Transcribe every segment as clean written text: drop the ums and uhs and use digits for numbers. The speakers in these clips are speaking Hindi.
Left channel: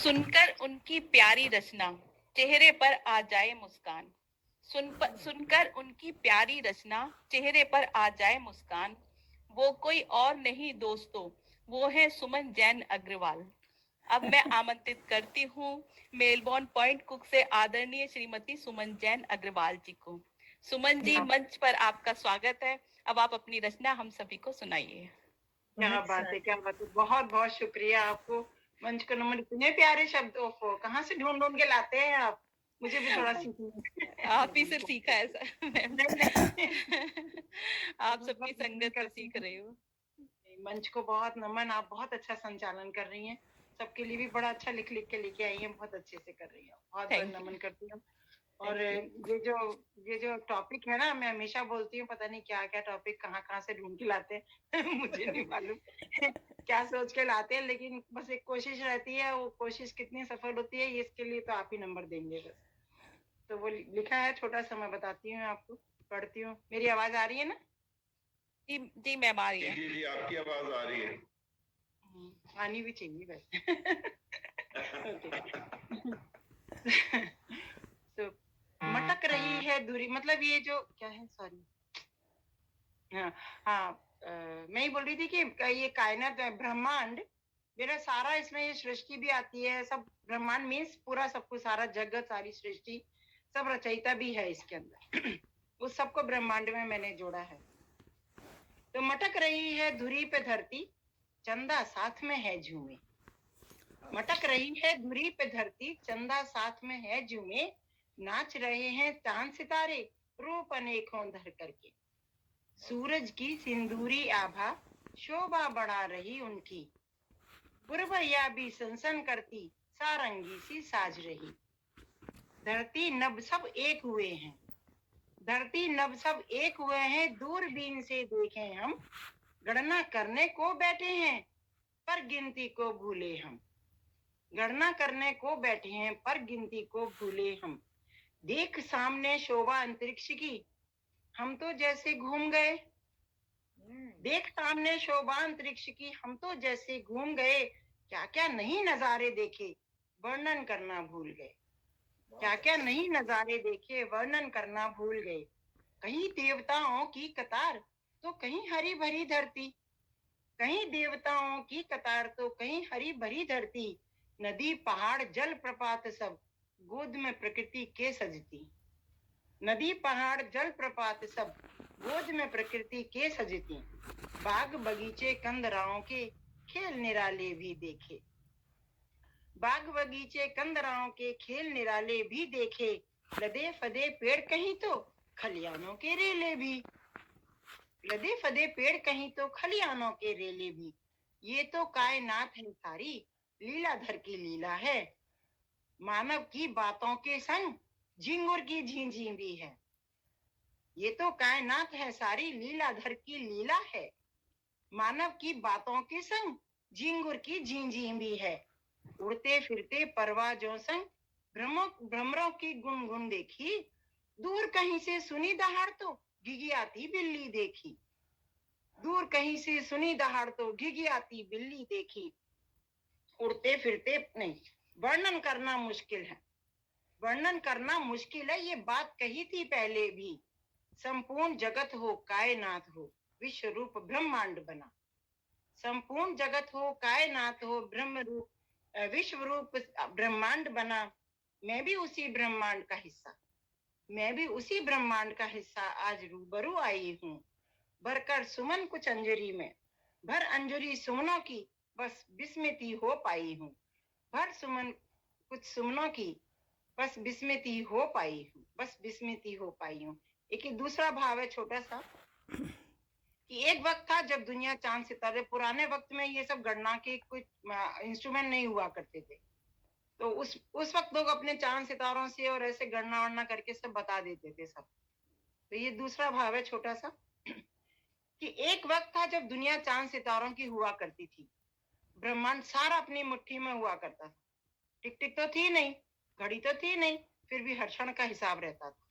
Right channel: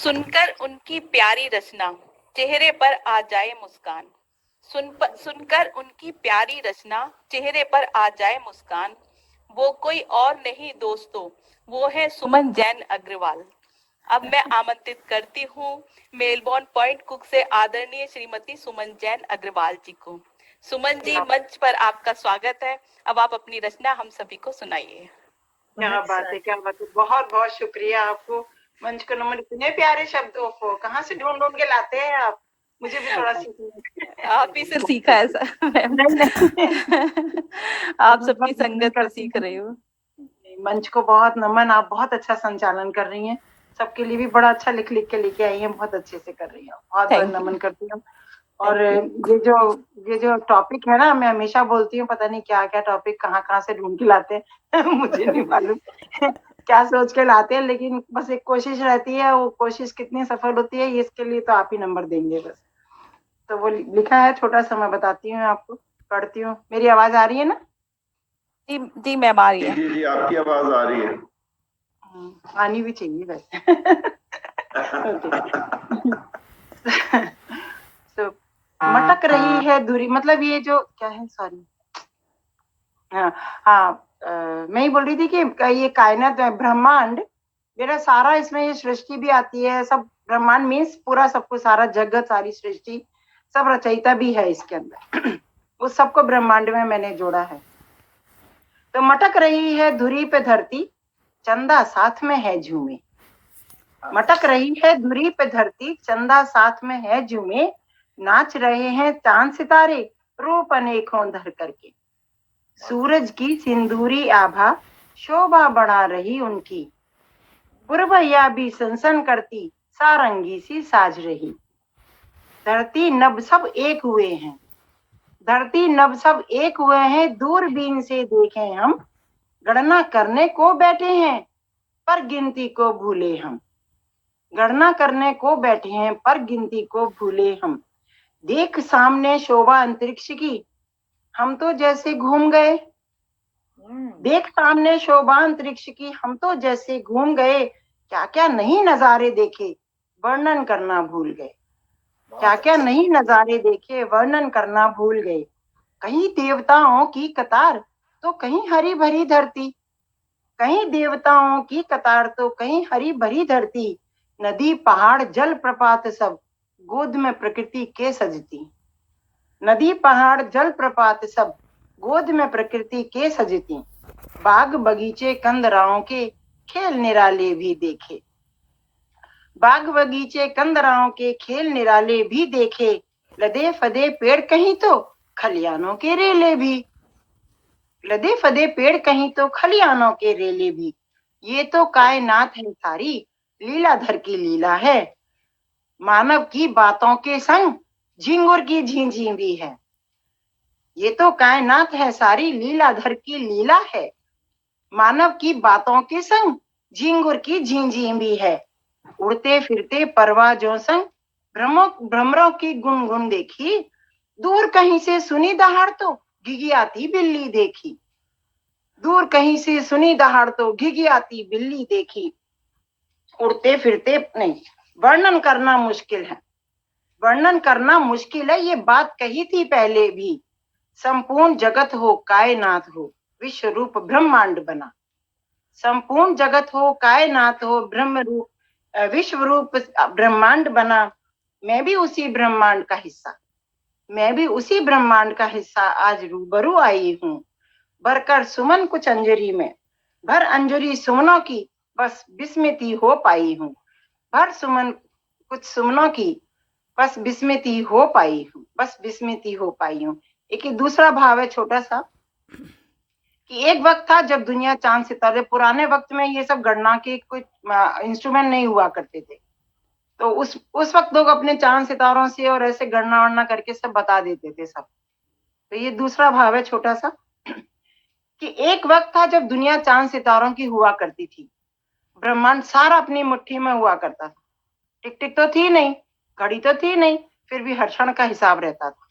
सुनकर उनकी प्यारी रचना चेहरे पर आ जाए मुस्कान। सुनकर उनकी प्यारी रचना चेहरे पर आ जाए मुस्कान। वो कोई और नहीं दोस्तों, वो है सुमन जैन अग्रवाल। अब मैं आमंत्रित करती हूँ मेलबोर्न पॉइंट कुक से आदरणीय श्रीमती सुमन जैन अग्रवाल जी को। सुमन जी, मंच पर आपका स्वागत है। अब आप अपनी रचना हम सभी को सुनाइए। क्या बात है, क्या बात है। बहुत बहुत शुक्रिया आपको। मंच को नमन। इतने प्यारे शब्दों को कहाँ से ढूंढ ढूंढ के लाते हैं आप? मुझे भी थोड़ा सीखना। आप ही से सीखा है सर। आप सबकी संगत में सीख रही हूँ। मंच को बहुत नमन। आप बहुत अच्छा संचालन कर रही हैं। सबके लिए भी बड़ा अच्छा लिख लिख के लेके आई हैं। बहुत अच्छे से कर रही हैं। बहुत बहुत नमन करती हूँ। और ये जो टॉपिक है ना, मैं हमेशा बोलती हूँ, पता नहीं क्या क्या टॉपिक कहाँ कहाँ से ढूंढ के लाते हैं। मुझे नहीं मालूम क्या सोच के लाते हैं, लेकिन बस एक कोशिश रहती है। वो कोशिश कितनी सफल होती है, इसके लिए तो आप ही नंबर देंगे बस। तो वो लिखा है, छोटा सा मैं बताती हूँ आपको, पढ़ती हूँ। मेरी आवाज आ रही है ना? जी जी मैम, आ रही है। जी, आपकी आवाज आ रही है। आनी भी चाहिए वैसे। तो मटक रही है दूरी, मतलब ये जो क्या है, सॉरी। हाँ, मैं ही बोल रही थी कि ये कायनात ब्रह्मांड, मेरा सारा इसमें ये सृष्टि भी आती है। सब ब्रह्मांड मीन्स पूरा सब कुछ, सारा जगत, सारी सृष्टि, सब रचयिता भी है इसके अंदर। उस सबको ब्रह्मांड में मैंने जोड़ा है। तो मटक रही है धुरी पे धरती, चंदा साथ में है झूमे। मटक रही है धुरी पे धरती, चंदा साथ में है झूमे। नाच रहे हैं चांद सितारे, रूप अनेकों धर करके। सूरज की सिंदूरी आभा शोभा बढ़ा रही उनकी। पुरवैया भी सनसन करती, सारंगी सी साज रही। धरती नभ सब एक हुए हैं, धरती नभ सब एक हुए हैं। दूरबीन से देखें हम, गणना करने को बैठे हैं, पर गिनती को भूले हम। गणना करने को बैठे हैं, पर गिनती को भूले हम। देख सामने शोभा अंतरिक्ष की, हम तो जैसे घूम गए। देख सामने शोभा अंतरिक्ष की, हम तो जैसे घूम गए। क्या क्या नहीं नजारे देखे, वर्णन करना भूल गए। क्या क्या नहीं नजारे देखे, वर्णन करना भूल गए। कहीं देवताओं की कतार, तो कहीं हरी भरी धरती। कहीं देवताओं की कतार, तो कहीं हरी भरी धरती। नदी पहाड़ जल प्रपात सब, गोद में प्रकृति के सजती। नदी पहाड़ जल प्रपात सब, गोद में प्रकृति के सजती। बाग बगीचे कंदराओं के, खेल निराले भी देखे। बाग बगीचे कंदराओं के, खेल निराले भी देखे। लदे फदे पेड़ कहीं तो खलियानों के रेले भी। लदे फदे पेड़ कहीं तो खलियानों के रेले भी। ये तो कायनात है सारी, लीलाधर की लीला है। मानव की बातों के संग झिंगुर की झींझी भी है। ये तो कायनात है सारी, लीलाधर की लीला है। मानव की बातों के संग झिंगुर की झींझी भी है। उड़ते फिरते परवाजों संग भ्रमरों की गुनगुन देखी। दूर कहीं से सुनी दहाड़ तो घिघियाती बिल्ली देखी। दूर कहीं से सुनी दहाड़ तो घिघियाती बिल्ली देखी। उड़ते फिरते नहीं, वर्णन करना मुश्किल है। वर्णन करना मुश्किल है, ये बात कही थी पहले भी। संपूर्ण जगत हो कायनात हो, विश्व रूप ब्रह्मांड बना। संपूर्ण जगत हो कायनात हो, ब्रह्म रूप विश्व रूप ब्रह्मांड बना। मैं भी उसी ब्रह्मांड का हिस्सा, मैं भी उसी ब्रह्मांड का हिस्सा आज रूबरू आई हूँ। भरकर सुमन कुछ अंजलि में, भर अंजलि सुमनों की, बस विस्मृति हो पाई हूँ। भर सुमन कुछ सुमनों की, बस विस्मृति हो पाई हूँ, बस विस्मृति हो पाई हूँ। एक दूसरा भाव है छोटा सा, कि एक वक्त था जब दुनिया चांद सितारे, पुराने वक्त में ये सब गणना के कोई इंस्ट्रूमेंट नहीं हुआ करते थे। तो उस वक्त लोग अपने चांद सितारों से और ऐसे गणना वणना करके सब बता देते थे सब। तो ये दूसरा भाव है छोटा सा, कि एक वक्त था जब दुनिया चांद सितारों की हुआ करती थी। ब्रह्मांड सारा अपनी मुट्ठी में हुआ करता था। टिक टिक तो थी नहीं, घड़ी तो थी नहीं, फिर भी हर क्षण का हिसाब रहता था।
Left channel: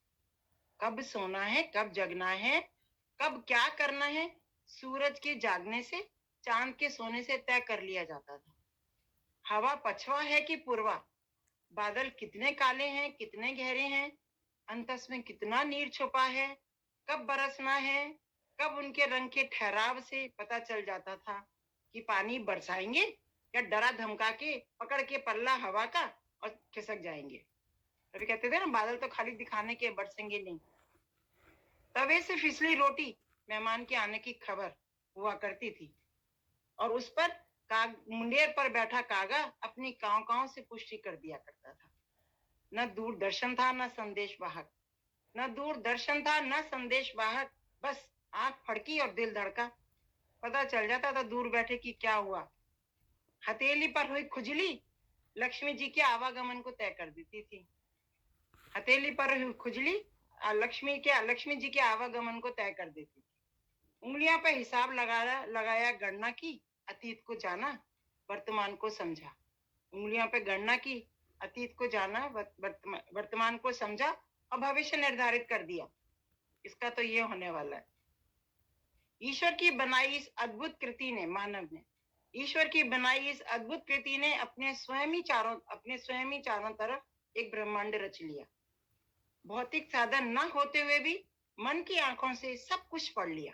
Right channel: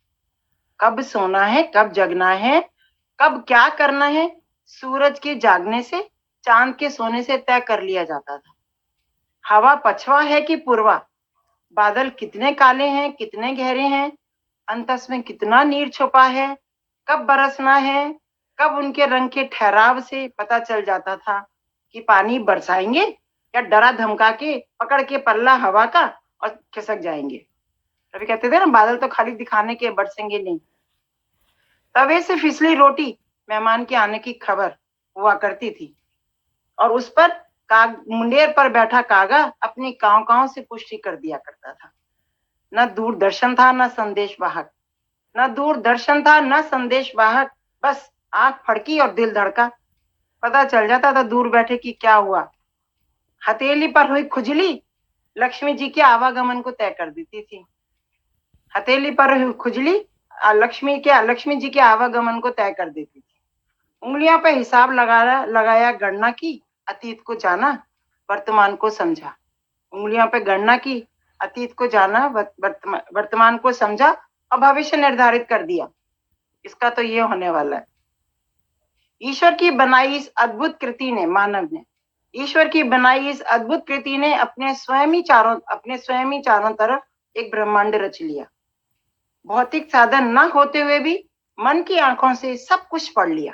कब सोना है, कब जगना है, कब क्या करना है, सूरज के जागने से, चांद के सोने से तय कर लिया जाता था। हवा पछवा है कि पूर्वा, बादल कितने काले हैं, कितने गहरे हैं, अंतस में कितना नीर छुपा है, कब बरसना है, कब उनके रंग के ठहराव से पता चल जाता था कि पानी बरसाएंगे या डरा धमका के पकड़ के पल्ला हवा का और खिसक जाएंगे। कभी कहते थे ना, बादल तो खाली दिखाने के, बरसेंगे नहीं। तवे से फिसली रोटी मेहमान के आने की खबर हुआ करती थी, और उस पर मुंडेर पर बैठा कागा अपनी कांव कांव से पुष्टि कर दिया करता था। न दूरदर्शन था न संदेश वाहक, न दूरदर्शन था न संदेश वाहक, बस आंख फड़की और दिल धड़का, पता चल जाता था दूर बैठे कि क्या हुआ। हथेली पर हुई खुजली लक्ष्मी जी के आवागमन को तय कर देती थी। हथेली पर हुई खुजली लक्ष्मी जी के आवागमन को तय कर देती थी। उंगलियों पे हिसाब लगाया गणना की, अतीत को जाना, वर्तमान को समझा। उंगलियों पे गणना की, अतीत को जाना, वर्तमान को समझा और भविष्य निर्धारित कर दिया, इसका तो ये होने वाला है। ईश्वर की बनाई इस अद्भुत कृति ने, मानव ने, ईश्वर की बनाई इस अद्भुत कृति ने अपने स्वयं ही चारों तरफ एक ब्रह्मांड रच लिया। भौतिक साधन न होते हुए भी मन की आंखों से सब कुछ पढ़ लिया।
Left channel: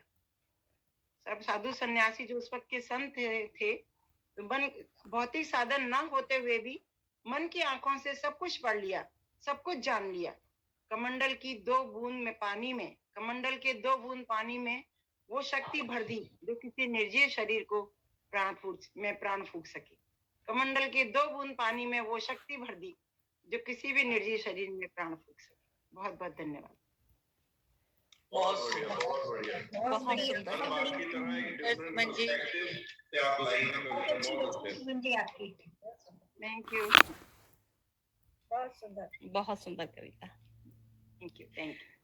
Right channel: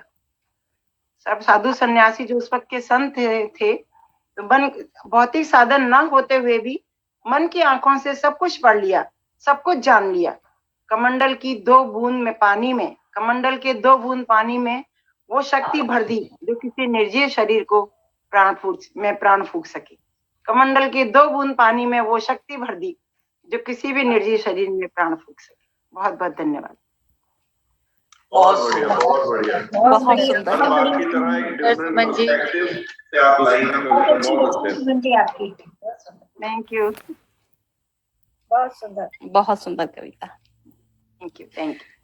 सब साधु सन्यासी जो उस वक्त के संत थे, तो भौतिक साधन न होते हुए भी मन की आंखों से सब कुछ पढ़ लिया, सब कुछ जान लिया। कमंडल के 2 बूंद पानी में वो शक्ति भर दी जो किसी निर्जीव शरीर को प्राण फूंक सके। कमंडल के 2 बूंद पानी में वो शक्ति भर दी जो किसी भी निर्जीव शरीर में प्राण फूंक सके। बहुत बहुत धन्यवाद। बहुत बढ़िया, बहुत बढ़िया। बहुत सुंदर। हर बात की तरह एक डिफरेंट पर्सपेक्टिव से आप लाई हैं कविता, बहुत अच्छे। आपकी थैंक यू, बहुत सुंदर। बहुत सुंदर कविता। Thank you, thank you.